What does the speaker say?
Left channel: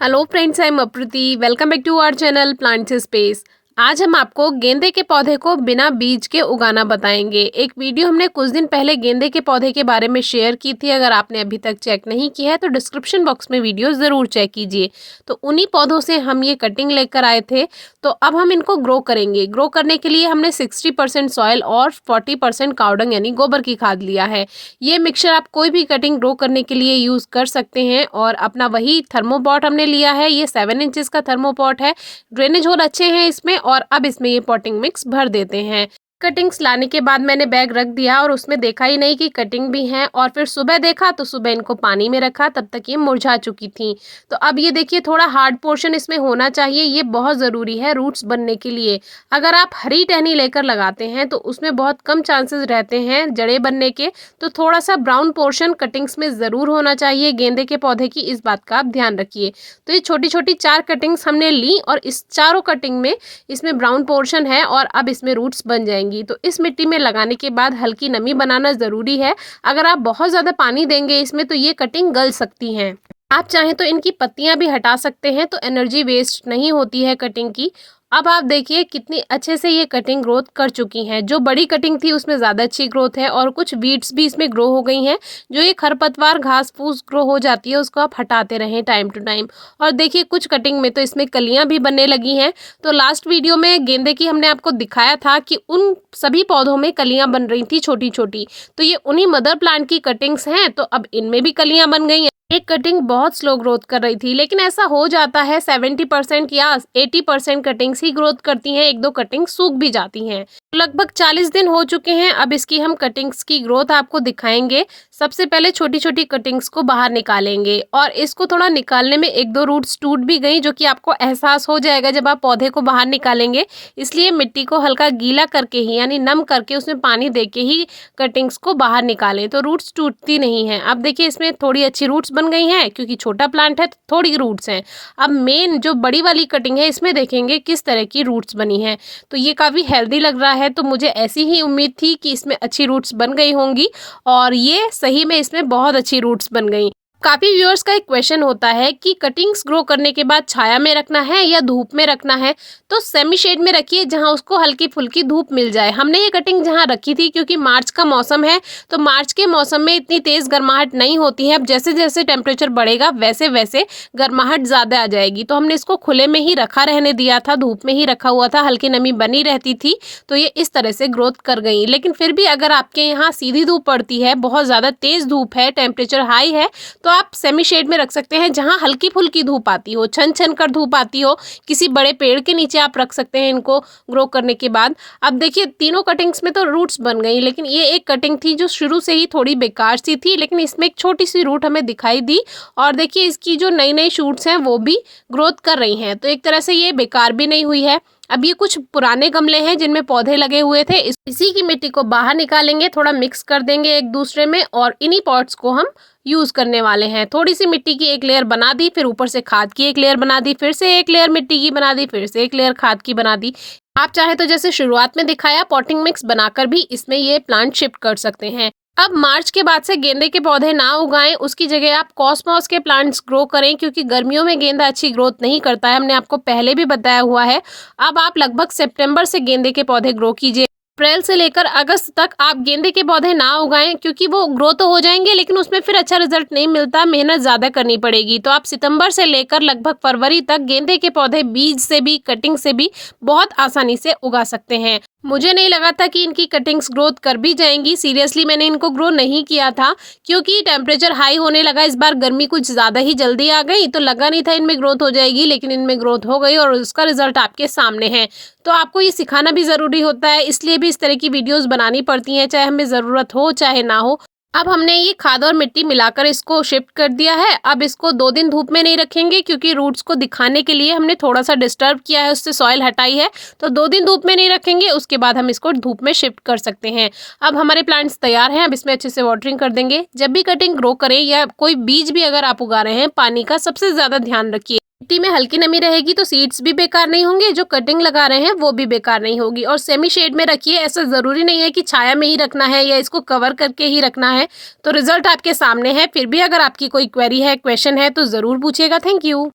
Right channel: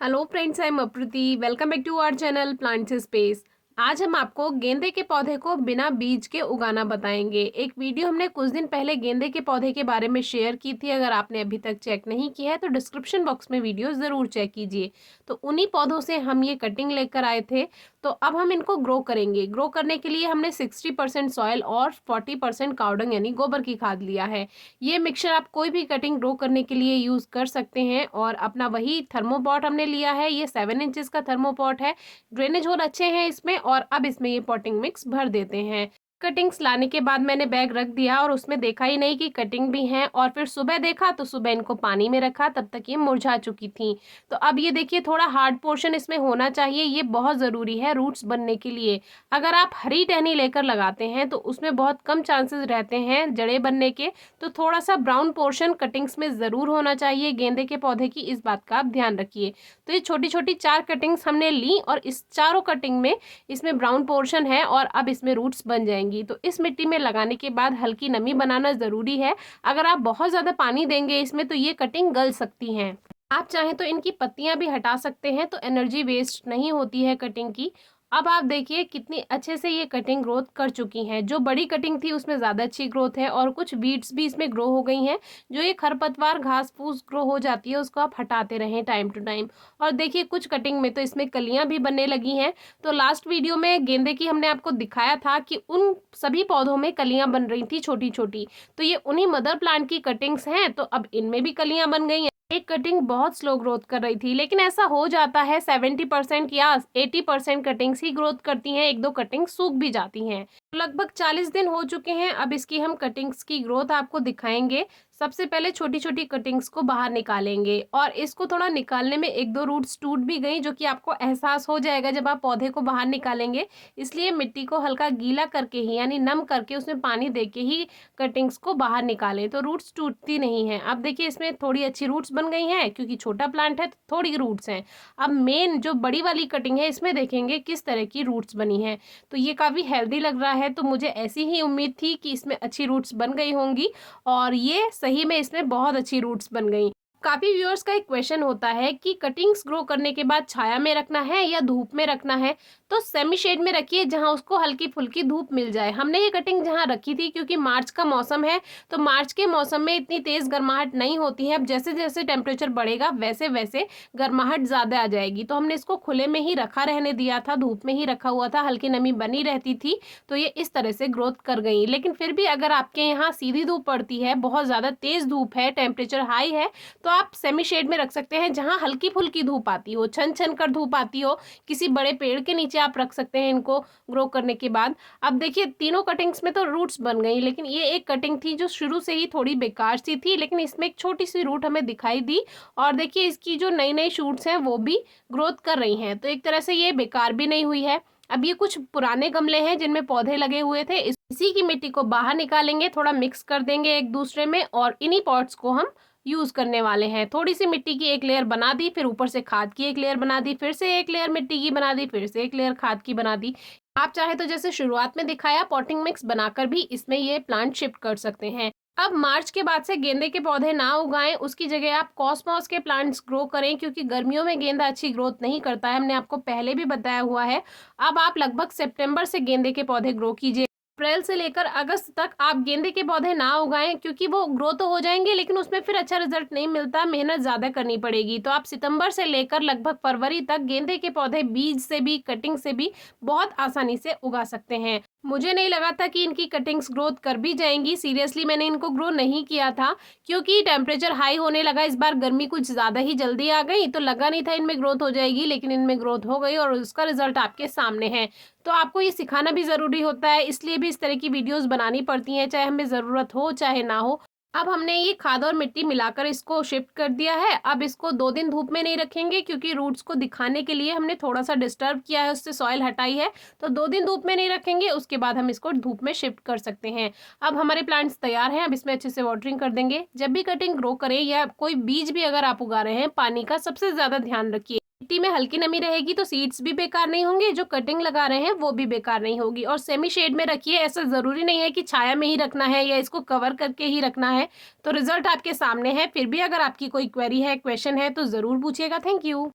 Hello friends, I am Apriti. Welcome back to our channel plants space. आज हम आपको गेंदे के पौधे को बिना बीज के उगाना बताएंगे। एक वीडियो हमने कुछ दिन पहले गेंदे के पौधे के बारे में शेयर की थी। अगर आपने अभी तक चेक नहीं किया है तो डिस्क्रिप्शन बॉक्स में वीडियो ज़रूर चेक कीजिए। तो उन्हीं पौधों से हम ये कटिंग लेकर आए थे। तो अब हम इनको ग्रो करेंगे। ग्रो करने के लिए हमने 60% सॉइल और 40% कावडंग यानी गोबर की खाद लिया है। ये मिक्सचर आप कोई भी कटिंग ग्रो करने के लिए यूज़ कर सकते हैं। और अपना वही थर्मोपॉट हमने लिया है। ये 7 इंचेस का थर्मोपॉट है। ड्रेनेज होल अच्छे हैं इसमें। और अब इसमें ये पॉटिंग मिक्स भर देते हैं। कटिंग्स लाने के बाद मैंने बैग रख दिया और उसमें देखा ही नहीं कि कटिंग भी हैं। और फिर सुबह देखा तो सुबह इनको पानी में रखा, तब तक ये मुरझा चुकी थी। तो अब ये देखिए, थोड़ा हार्ड पोर्शन इसमें होना चाहिए। ये बहुत ज़रूरी है रूट्स बनने के लिए। अगर आप हरी टहनी लेकर लगाते हैं तो उसमें बहुत कम चांसेस रहते हैं जड़ें बनने के। तो थोड़ा सा ब्राउन पोर्शन कटिंग्स में ज़रूर होना चाहिए गेंदे के पौधे की। इस बात का आप ध्यान रखिए। तो ये छोटी छोटी 4 कटिंग्स हमने ली और इस चारों कटिंग में इसमें ब्राउन पोर्शन है और अब इसमें रूट्स बन जाएंगी। तो इस मिट्टी में लगाने के बाद हल्की नमी बनाना ज़रूरी है। अगर आप बहुत ज़्यादा पानी देंगे इसमें तो ये कटिंग गल सकती हैं। आप चाहें तो इनकी पत्तियां भी हटा सकते हैं, तो एनर्जी वेस्ट नहीं होती है कटिंग की। अब आप देखिए कितनी अच्छे से ये कटिंग ग्रोथ कर चुकी हैं। जो बड़ी कटिंग थी उसमें ज़्यादा अच्छी ग्रोथ है और कुछ वीड्स भी इसमें ग्रो हो गई हैं। जो ये खरपतवार घास फूस ग्रो हो जाती है उसको आप हटाते रहें टाइम टू टाइम। और देखिए कुछ कटिंग में तो इसमें कलियां भी बनने लगी हैं। तो लास्ट वीडियो में गेंदे की हमने आपको दिखाया था कि उन सभी पौधों में कलियां बन रही थी छोटी छोटी। तो ये उन्हीं मदर प्लांट की कटिंग्स हैं। तो अब इनमें भी कलियां बन गई हैं। एक कटिंग बहुत स्लो ग्रोथ कर रही थी, लेकिन ऐसा हो जाता है। 70% या 80% कटिंग्स ही ग्रोथ करती हैं। एक दो कटिंग सूख भी जाती हैं। लगभग 40 दिन हो चुके हैं। अब इसकी हम कटिंग्स की ग्रोथ आपको दिखाएंगे। सबसे पहले छोटी छोटी कटिंग्स को बाहर निकालेंगे और इसको थोड़ा निकालने में एक दो रूट्स टूट भी गई, जो कि आपको एहसास हो जाएगा जब आप पौधे को बाहर निकालेंगे। इसलिए मिट्टी को हल्का गीला करके ही यानी नम करके उसमें पानी दे के ही कटिंग्स को बाहर निकालें, तो रूट्स टूटती नहीं हैं। अब देखिए इसमें थोड़ी अच्छी रूट्स बन गई हैं क्योंकि छोटा प्लांट है तो थोड़ी रूट्स हैं। अब मेन जो बड़ी वाली कटिंग है इसमें देखेंगे किस तरह की रूट्स बनी हैं। तो ये काफ़ी हेल्दी लग रहा है। तो मुझे ऐसी ही उम्मीद थी कि इसमें अच्छी रूट्स बन गई होंगी और ये सही में इसमें बहुत अच्छी रूट्स बन गई। काफ़ी व्यूअर्स का एक क्वेश्चन होता है कि कटिंग्स ग्रो करने के बाद छाया में रखना है या धूप में रखना है। तो सेमी शेड में रखिए जहां उसको हल्की फुल्की धूप मिल जाए। हमने ये कटिंग जहां रखी थी क्योंकि मार्च का मौसम है, तो मार्च के मौसम में इतनी तेज़ गर्माहट नहीं होती है। अब जैसे जैसे टेम्परेचर बढ़ेगा वैसे वैसे गर्माहट ज़्यादा आ जाएगी। तो हमने इसको खुले में ही रखा रहने दिया था, धूप में ही रखा हुआ था, हल्की नमी बनी रहती थी। तो ये इस तरह से ग्रोथ कर गई। लेकिन फिर भी अगर आपके यहाँ सीधी धूप पड़ती है, बहुत ज़्यादा तेज़ धूप है, टेम्परेचर हाई है, तो आप सेमी शेड में रख सकते हैं जहां हल्की फुल्की धूप आती हो, छन छन कर धूप आती हो। किसी बड़े पेड़ के नीचे आप रख सकते हैं इनको ग्रो करने के बाद। अब देखिए तीनों कटिंग्स में तो रूट्स बन गई, लेकिन ये एक कटिंग थी जो शुरू से ही थोड़ी बेकार सी थी, लेकिन इसमें एक छोटी सी रूट हमें दिखाई दी। और देखिए इसकी जो नई नई शूट्स हैं वो भी ग्रोथ कर रही हैं। तो एक तरह से ये बेकार भी नहीं हुई है। अब ये कुछ पुराने गमले हैं जिनमें पौधे लगे हुए थे। इसी की मिट्टी को बाहर निकालेंगे, थोड़ा मिक्स कर देंगे एक दूसरे में और इन्हीं पॉट्स को हम यूज़ करने वाले हैं। थोड़ी सी मिट्टी की एक लेयर बना दी, फिर ऊपर से खाद की एक लेयर बना दी, फिर से एक लेयर मिट्टी की बना दी, फिर से एक लेयर खाद की बना दी। आप चाहे तो जैसे शुरुआत में दिखाया पॉटिंग मिक्स बनाकर भी इसमें ये प्लांट शिफ्ट कर सकते हैं। अब मार्च के बाद से गेंदे के पौधे ना उगाएं, उसकी जगह आप कॉस्मॉस के प्लांट्स ग्रो करें क्योंकि गर्मियों में गेंदा अच्छी ग्रोथ नहीं करता है। हमने आपको पहले भी बताया हुआ है। अब आप लगभग सितंबर से गेंदे के पौधे ग्रो कीजिए। अप्रैल से लेकर अगस्त तक आप गेंदे के पौधे ना उगाएं क्योंकि वो ग्रो तो हो जाएंगे लेकिन उसमें फिर अच्छा रिजल्ट नहीं मिलता, मेहनत ज़्यादा करनी पड़ेगी। तो आप सितंबर से लेकर लगभग फरवरी तक गेंदे के पौधे बीज से भी कटिंग से भी बहुत आसानी से उगा सकते हैं। मुझे नहीं लगा था कि इनकी कटिंग्स ग्रोथ कर भी जाएंगी। सीरियसली मैंने इनको ग्रो नहीं किया था क्योंकि टेम्परेचर हाई होने लगा। इस बार गर्मी कुछ ज़्यादा ही जल्दी आ गई, तो लगा नहीं था इनमें ग्रोथ हो जाएगी, लेकिन इनमें ग्रोथ हो गई और उसका रिजल्ट आपके सामने है। तो आपको ये सिखाना भी ज़रूरी होता है, इसलिए भी इस तरह की वीडियोज़ बनानी पड़ती हैं, चाहे हमें ज़रूरत हो चाहे ना हो। अब हमने ये खाद और मिट्टी मिलाकर इसको शिफ्ट कर दिया है। अब इसको 2 दिन धूप में नहीं रखेंगे क्योंकि रूट्स को दिखाने के लिए हमने थोड़ा सा डिस्टर्ब किया है, उससे सॉइल हटाई है। तो 2 दिन धूप में नहीं रखेंगे, उसके बाद हम इसको धूप में शिफ्ट कर सकते हैं। अब हमारे प्लांट्स तैयार हैं। अब इसमें अच्छे से वाटरिंग कर देंगे। जब भी कटिंग ग्रो करें या कोई बीज भी अगर आप उगा रहे हैं, पानी का सबसे ज़्यादा ध्यान रखिए। मिट्टी में हल्की नमी रहेगी तो सीड्स भी बेकार नहीं होंगे, जो कटिंग लगा रहे हैं वो भी बेकार नहीं होगी। और सेमी शेड में रखिए। ऐसा ज़रूरी नहीं है कि छाया में ही रखना है या इसको कवर करके ही रखना है। तो रिजल्ट आपके सामने है। फिर भी अगर आपकी कोई क्वेरी है, क्वेश्चन है तो ज़रूर पूछिएगा। Thank you.